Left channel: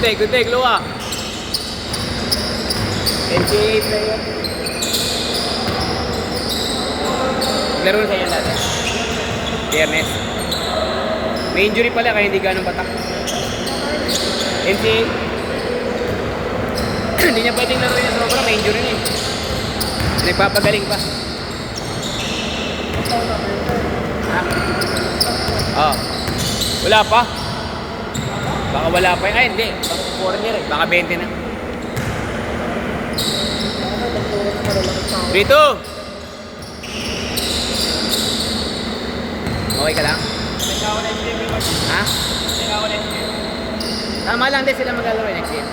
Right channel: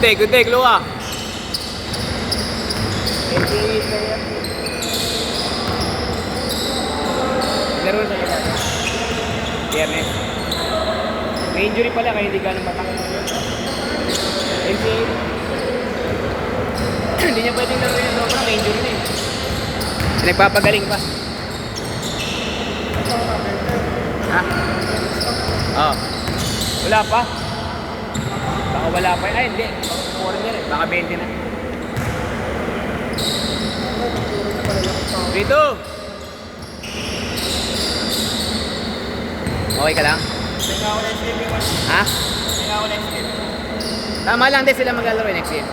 Good take, luwa. NCAA player. Laro sa iyo lahat. Biyernes. May injury pala kaya hindi ganun batak. NCAA. Hindi niya pwedeng laro niya sobra, may injury na eh. Nagpapagaling pa. Ah. Wala pa? Baka wala pa yun. Ay, hindi. Baka foreigner eh. Baka 20 na. Rito! Okay ka lang? Ha? Tama lang din sila maglalaro next game.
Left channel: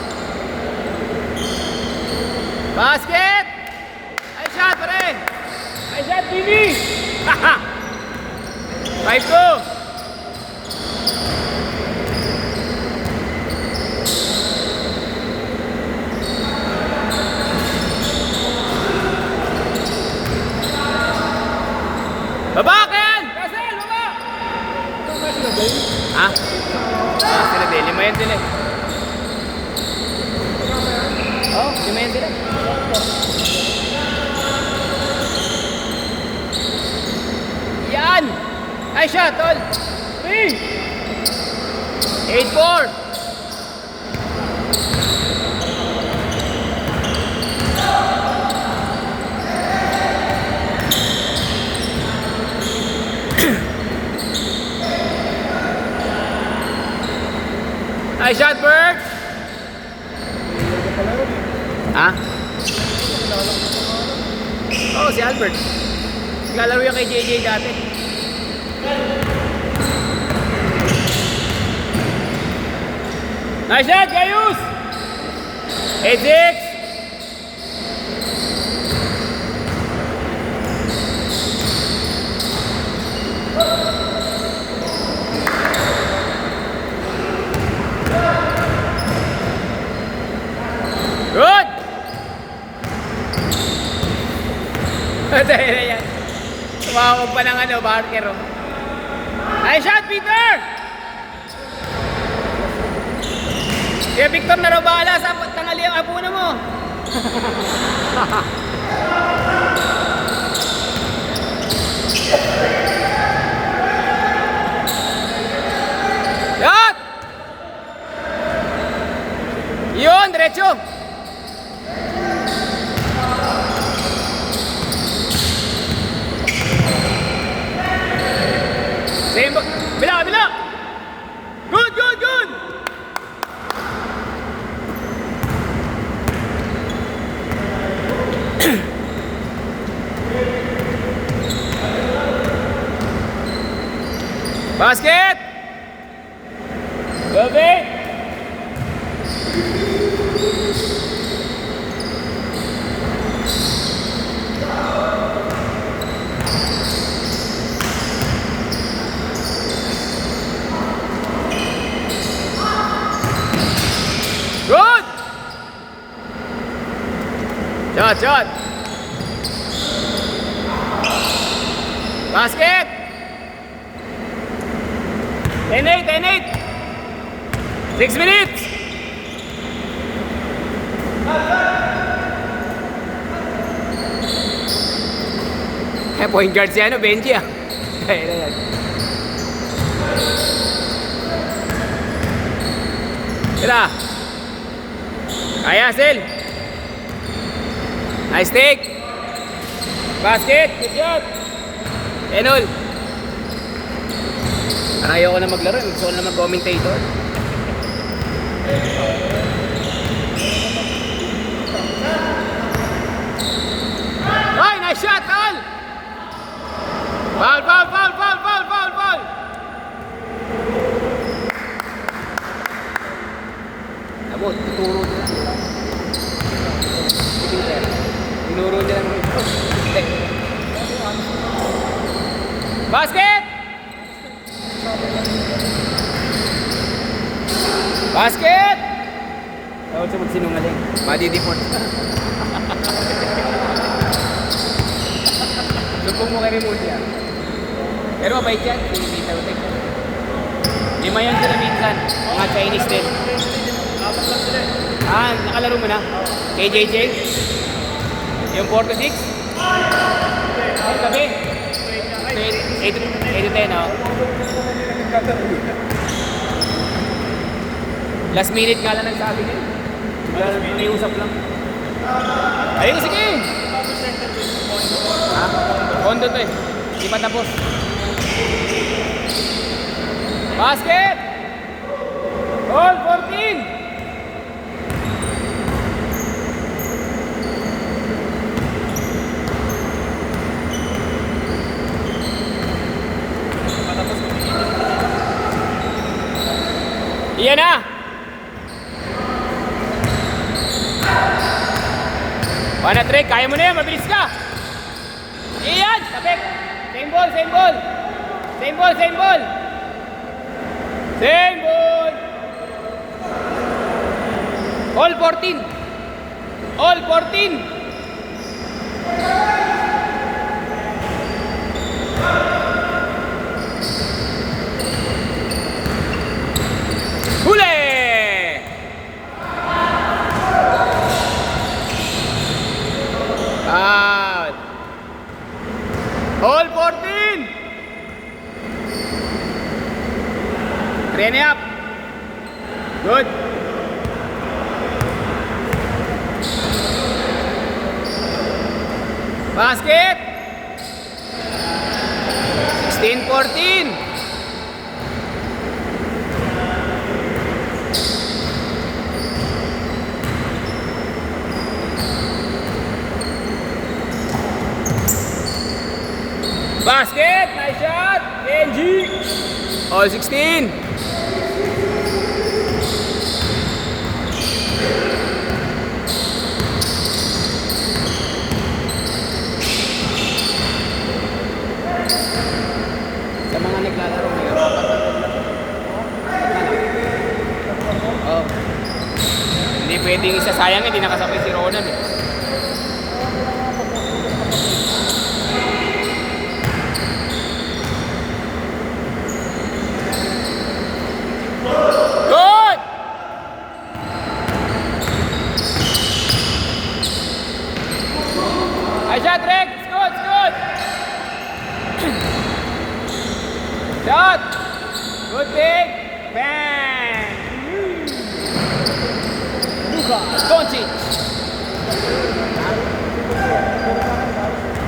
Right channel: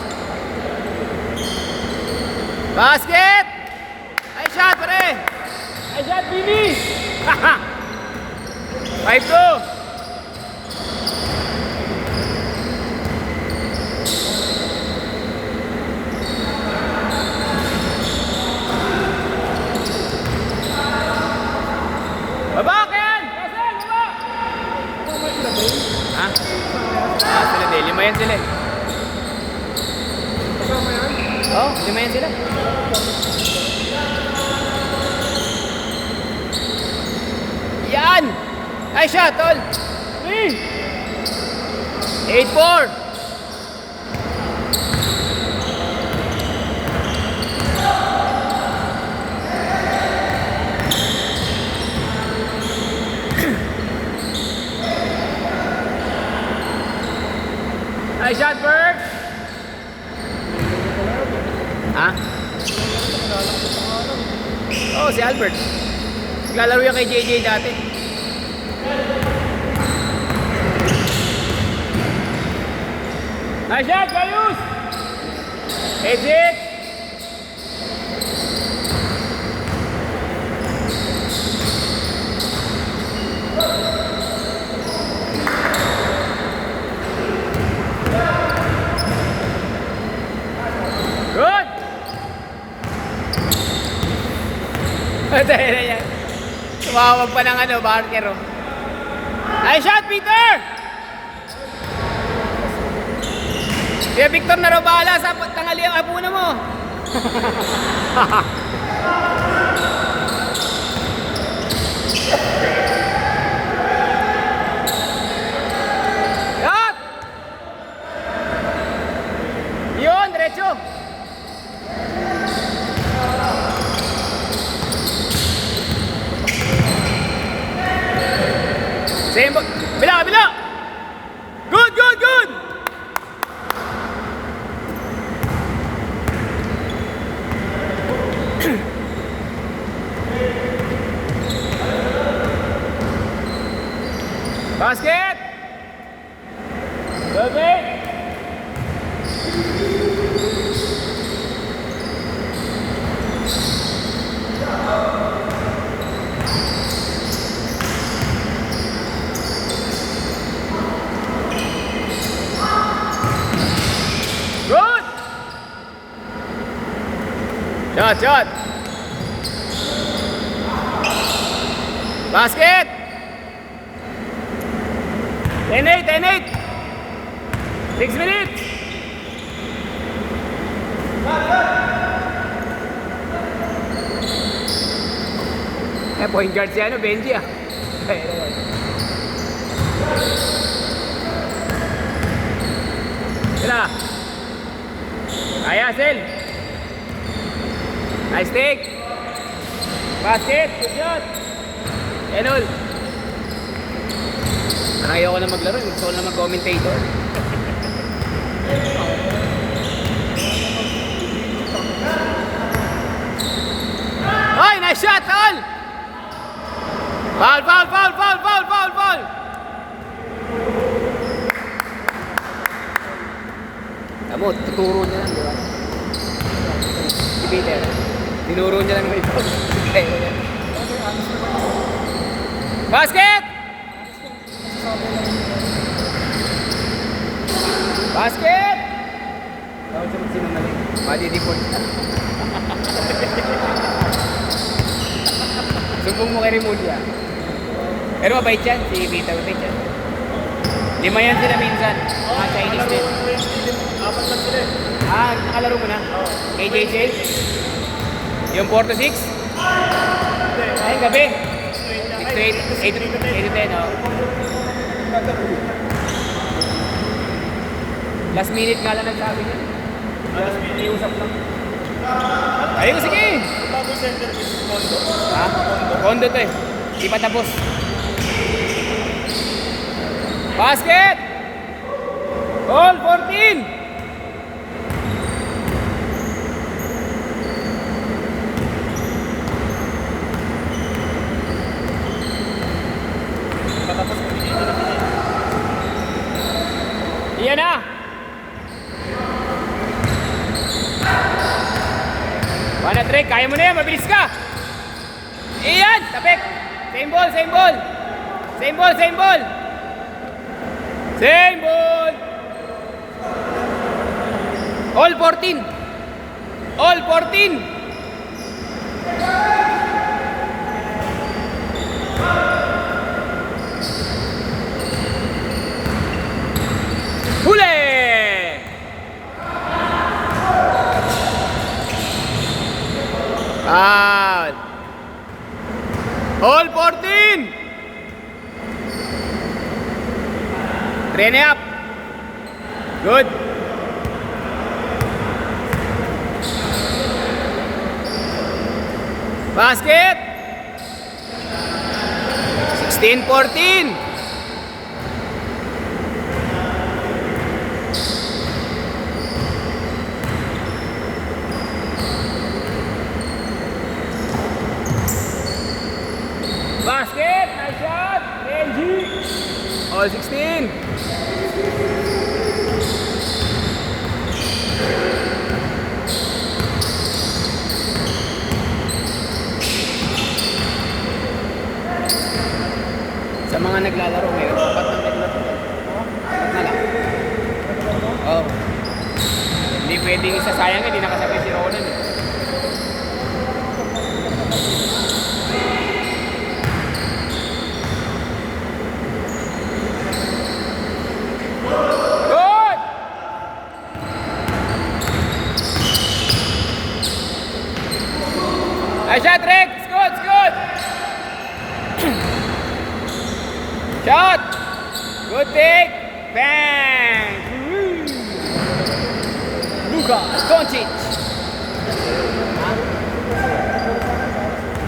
Basket! Ay shot, pare! Ay shot, Billy! Haha! 5-2! Baba ka yan! Basel, baba! Ha? Ah, sila din. Lima yan sila. Oh, lima yan sila. Yan! Ay, shot, tol! 3! 8-4! Nice shot, Bert! Ha? Oh, si Albert. Lalaro yan kay JJ dati. Nice shot, Gayus! 8-6! Good! Dahil yan. Tumawag pa ng ano, Barker. Nice shot, Peter! Kaya Victor na robala sa tangali ang abuna mo. Shot! Yun, diretso. Bila, bila! Good, good, good! Basket! Gabi! Good! Shot, shot! Basket! 10-8, 10-8! 6 minutes! Point guard si ano, Benji ah. Sila. Kaya, Sel. Nice take. Basket. Good shot. Enol. Ayaw ko na maglaro. Gusto ko na mag-commentator. Oy, nice shot, Paul! Foul, foul, foul, foul, foul, foul, foul! Amo, tuturo niya. Si Peter. Tinuro niya lang ito. Basket! Basket! Tawag sa magsinungaling. Madidipot. Sumbong mo kay Remulia. Pero mabait yan. Si Vita mabait yan. 5 yan sila minsan. Mga Chinese din. laro mo na? Kay JJ? Yung 4 to 6? Ay, gabi. 8 to 10, oh. Last minute nga lang nagsabi niya. May usap lang. Ayun, sige! Ha? Kondo to eh. Hindi pa tapos. Basket! Goal 14! Iyan na! One at kaya mo na yan, mabilis ka! Iyan! Tapik! Same ball, same ball! Same ball, same ball! Same ball! All 14! All 14! Huli! Out! All 14! Train up! Good! Basket! 16-14! Basket! Nice shot! Benji! All 16! Sa mga naglalaro ngayon, oh. Hindi pwedeng isasayang, hindi nakasabay si Ronan eh. Good! Nice shot, Rick! It's good, it's good! Shot! Good take! Bang! Luka Doncic!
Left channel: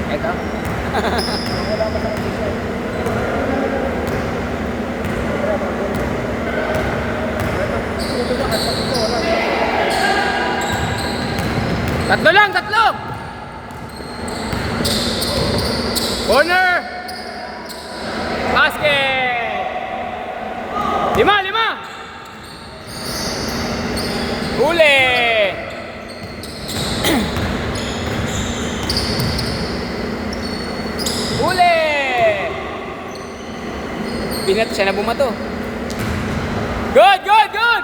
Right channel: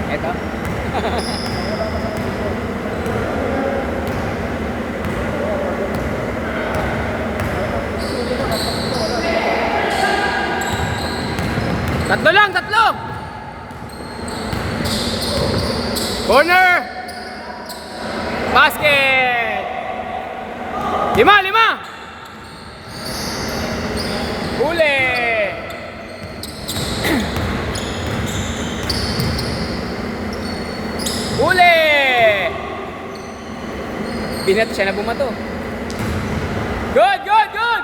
Ito? Tatlo lang, tatlo! Corner! Basket! 5! Huli! Huli! Pinat siya na bumato. Good, good, good!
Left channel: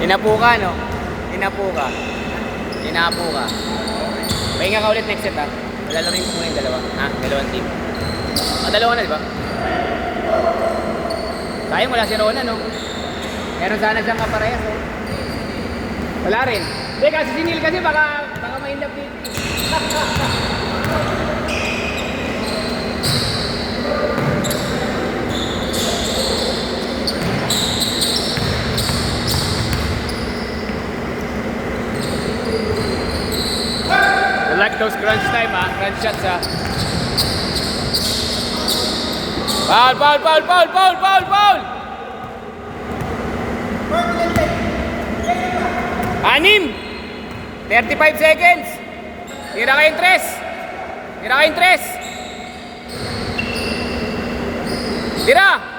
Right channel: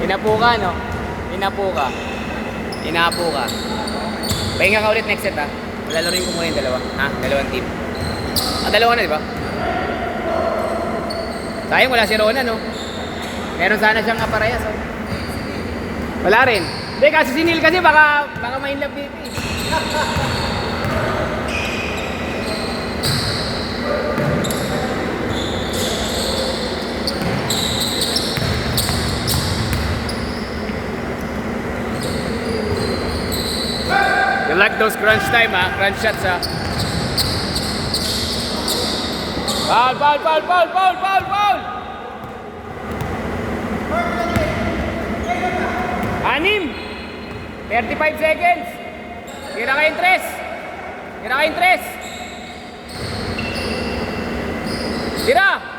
Inapo ka, no? Inapo ka. Inapo ka. Pahinga ka ulit next set, ha? Lalaroin ko muna yung dalawa. Ha? Dalawang team. Dalawa na, di ba? Sayang, wala si Rona, no? Meron sana siyang aparayas, oh. Wala rin. Hindi, kasi si Neil kasi baka may love dito, eh. You like those crunch time, ha? Crunch shots, ha? Foul, foul, foul, foul, foul, foul, foul! 6! 35 seconds! Tira kayong 3! Tira kayong 3! Tira!